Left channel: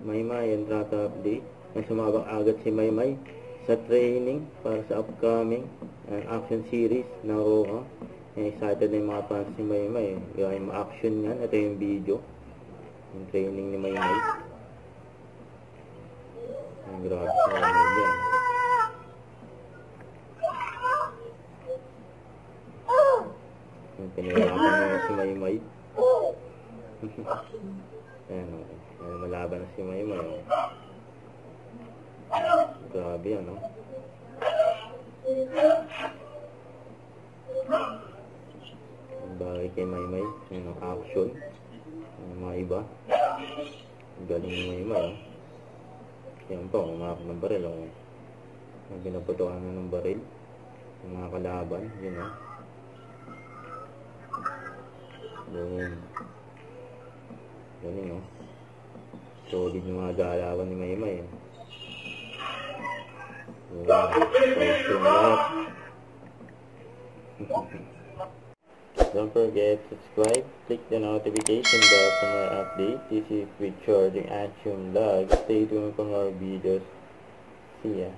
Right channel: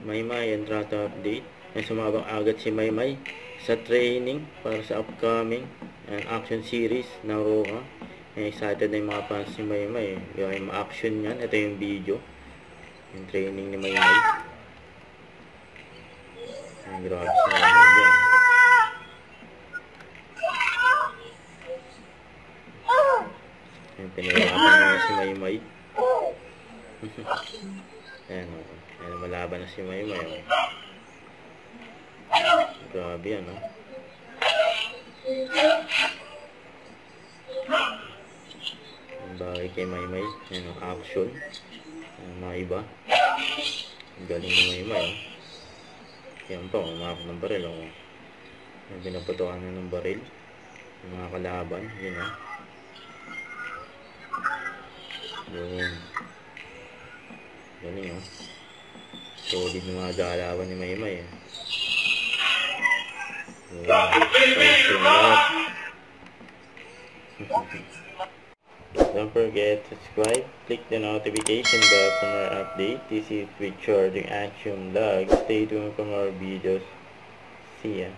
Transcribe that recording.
Maymay and Trata update. May sumabang agad si Maymay sa training para sa upcoming action series na Roha. Excited na yung mga fans ni Maymay. Yung ma-action yan. Ito yung video. Yung training ni Maymay. Ang grabe si Maymay yan. Yung pinirapan na si Maymay. Ayan o. Ayan, malaban na si Maymay. Grabe yan o. Ang bagay kay Maymay. Ayan o, action. Mga iba. Ang galing ni Maymay o. Yan po, umakak ng baril o. Pinaputukan na ng baril. Ang mga kalaban. Yun o. Yun. Galing o. Solid ng mga galawan ni Maymay o. Don't forget to subscribe, click the notification bell for more updates. This is Richard, the Action Vlog. Stay tuned for more videos. See ya.